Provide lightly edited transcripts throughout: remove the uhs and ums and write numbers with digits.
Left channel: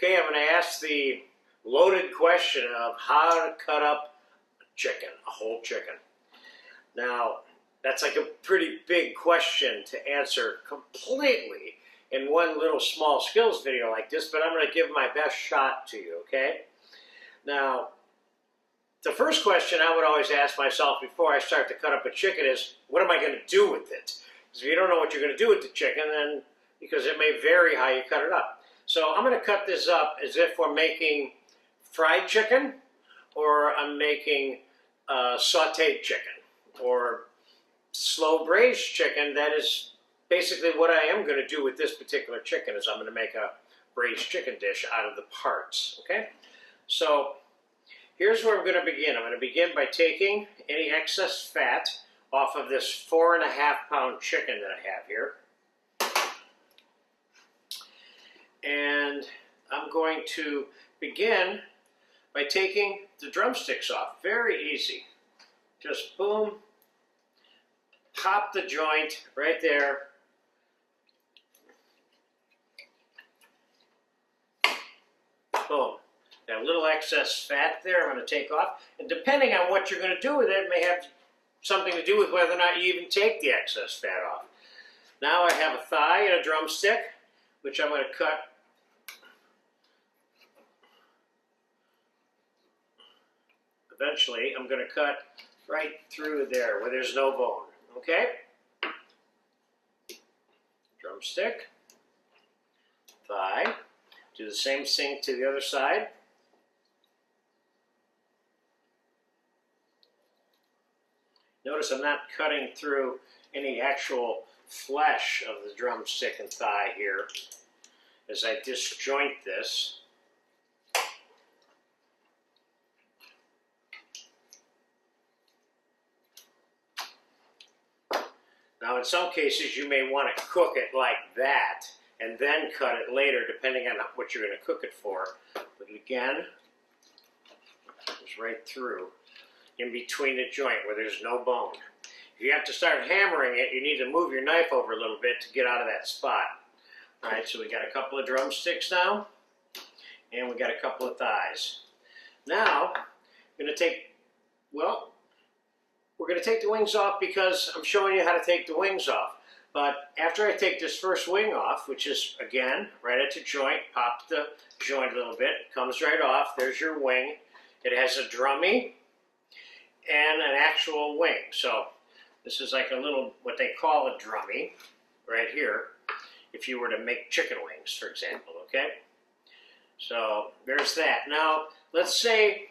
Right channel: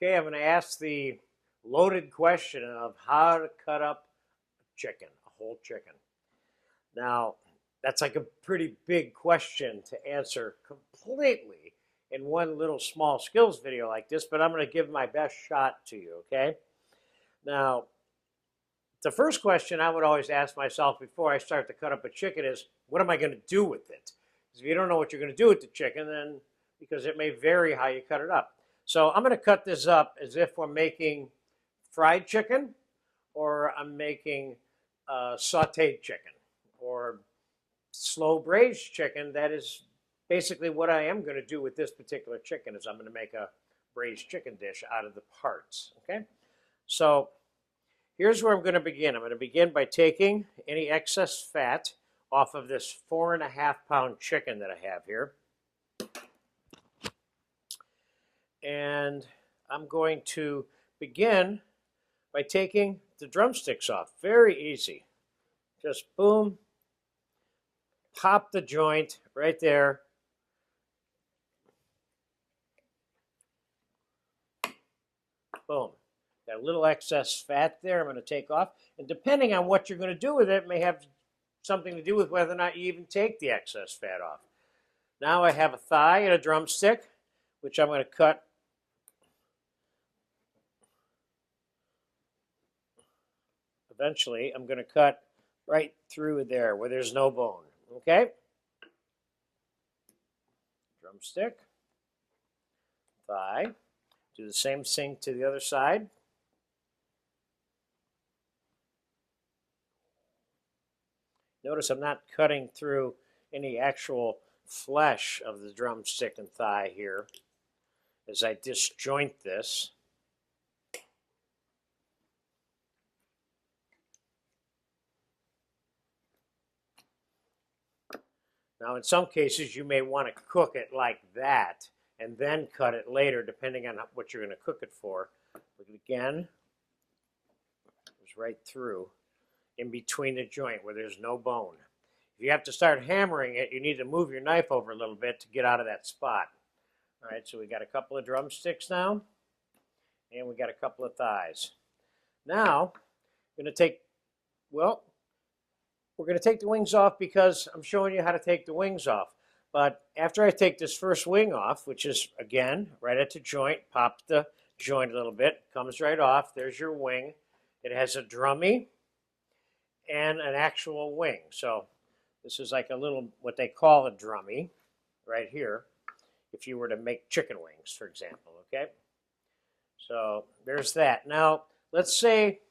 Okay, I'm going to ask the loaded question of how to cut up a chicken, a whole chicken. Now, that's like a pretty big question to answer completely in one little small skills video like this, but I'm going to give my best shot to you, okay? Now, the first question I would always ask myself before I start to cut up a chicken is, what am I going to do with it? Because if you don't know what you're going to do with the chicken, then because it may vary how you cut it up. So I'm going to cut this up as if we're making fried chicken, or I'm making sautéed chicken, or slow braised chicken. That is basically what I am going to do with this particular chicken, is I'm going to make a braised chicken dish out of the parts, okay? So here's where I'm going to begin. I'm going to begin by taking any excess fat off of this 4.5 pound chicken that I have here. And I'm going to begin by taking the drumsticks off. Very easy. Just boom, pop the joint right there. Boom. That little excess fat there I'm going to take off. And depending on what you're going to do with it, it may have something to do with whether or not you even take the excess fat off. Now I have a thigh and a drumstick, which I'm going to cut eventually. I'm going to cut right through there where there's no bone, okay? Drumstick, thigh, do the same thing to the other side. Notice I'm not cutting through any actual flesh of the drumstick and thigh here as I disjoint this. Now, in some cases, you may want to cook it like that and then cut it later, depending on what you're going to cook it for. But again, it's right through, in between the joint where there's no bone. If you have to start hammering it, you need to move your knife over a little bit to get out of that spot. All right, so we got a couple of drumsticks now, and we got a couple of thighs. Now, I'm going to take, well, we're going to take the wings off because I'm showing you how to take the wings off. But after I take this first wing off, which is, again, right at the joint, pop the joint a little bit, it comes right off. There's your wing. It has a drummy and an actual wing. So this is like a little, what they call a drummy, right here, if you were to make chicken wings, for example, okay? So there's that. Now, let's say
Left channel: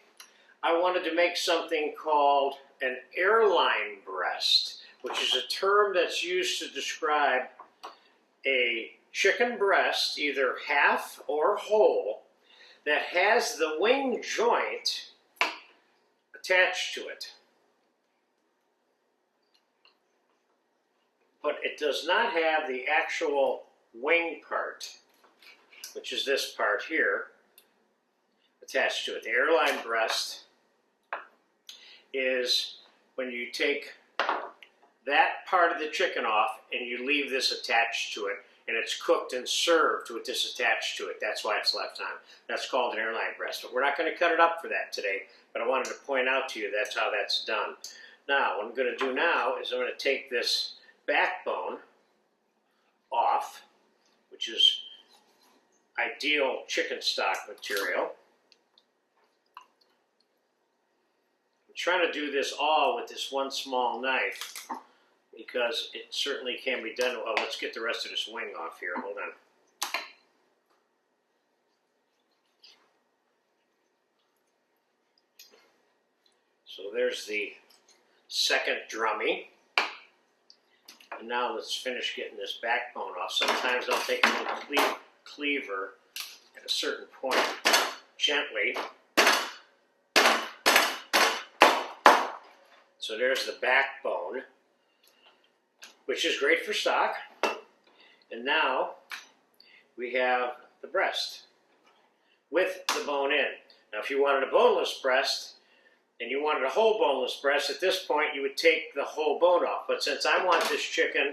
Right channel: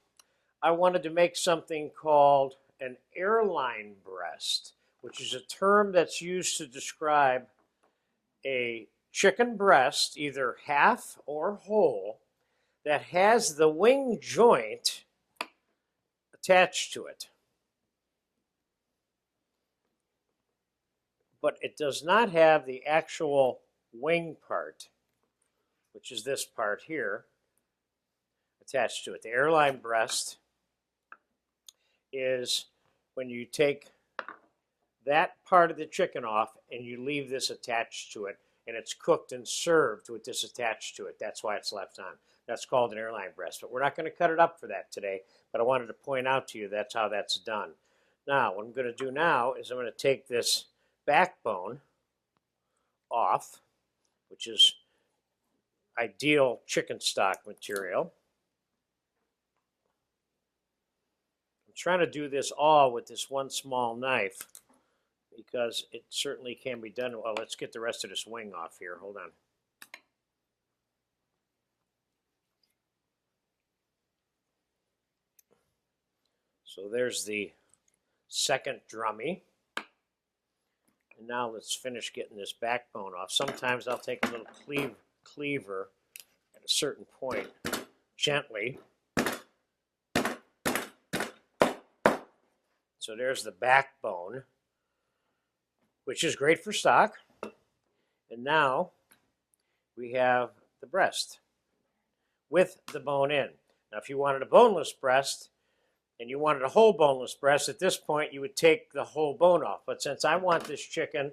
I wanted to make something called an airline breast, which is a term that's used to describe a chicken breast, either half or whole, that has the wing joint attached to it. But it does not have the actual wing part, which is this part here, attached to it. The airline breast is when you take that part of the chicken off and you leave this attached to it, and it's cooked and served with this attached to it. That's why it's left on. That's called an airline breast. But we're not going to cut it up for that today, but I wanted to point out to you that's how that's done. Now, what I'm going to do now is I'm going to take this backbone off, which is ideal chicken stock material. Trying to do this all with this one small knife because it certainly can be done. Well, let's get the rest of this wing off here. Hold on. So there's the second drummy. And now let's finish getting this backbone off. Sometimes I'll take a little cleaver at a certain point, gently. So there's the backbone, which is great for stock. And now we have the breast with the bone in. Now, if you wanted a boneless breast and you wanted a whole boneless breast, at this point you would take the whole bone off. But since I want this chicken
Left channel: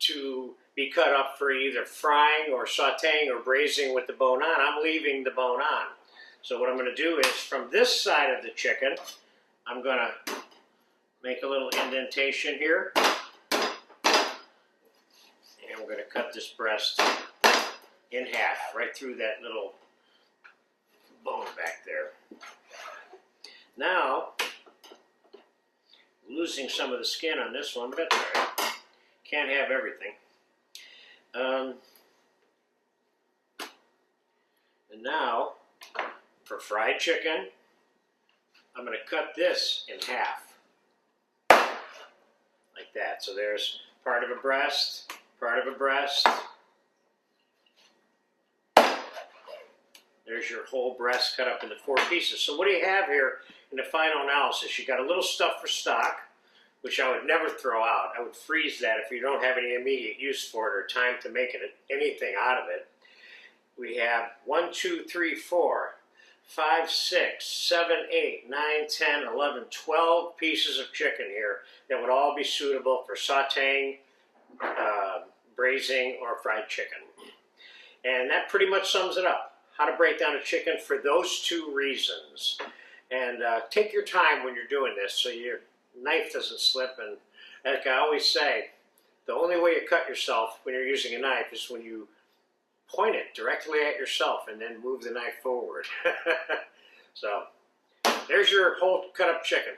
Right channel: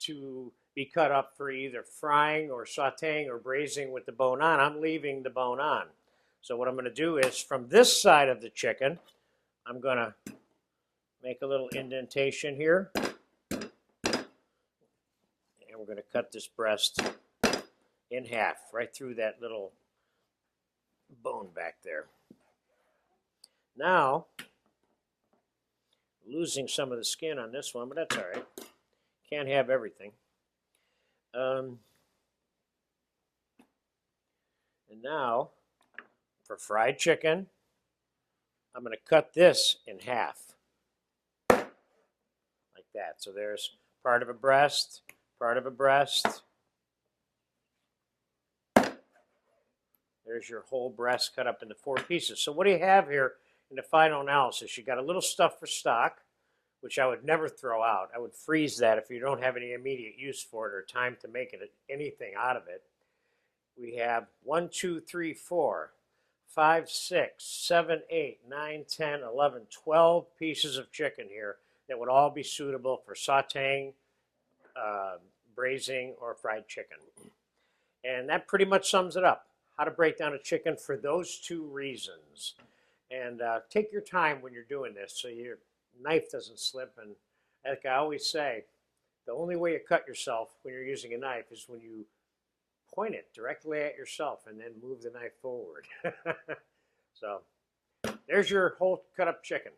to be cut up for either frying or sauteing or braising with the bone on. I'm leaving the bone on. So what I'm going to do is from this side of the chicken, I'm going to make a little indentation here. And we're going to cut this breast in half, right through that little bone back there. Now, losing some of the skin on this one, but that's all right. Can't have everything. And now, for fried chicken, I'm going to cut this in half. Like that. So there's part of a breast, part of a breast. There's your whole breast cut up into 4 pieces. So what do you have here in the final analysis? You got a little stuff for stock, which I would never throw out. I would freeze that if you don't have any immediate use for it or time to make anything out of it. We have 1, 2, 3, 4, 5, 6, 7, 8, 9, 10, 11, 12 pieces of chicken here that would all be suitable for sauteing, braising, or fried chicken. And that pretty much sums it up. How to break down a chicken for those 2 reasons. And take your time when you're doing this so your knife doesn't slip. And like I always say, the only way you cut yourself when you're using a knife is when you point it directly at yourself and then move the knife forward. So there's your whole cut up chicken.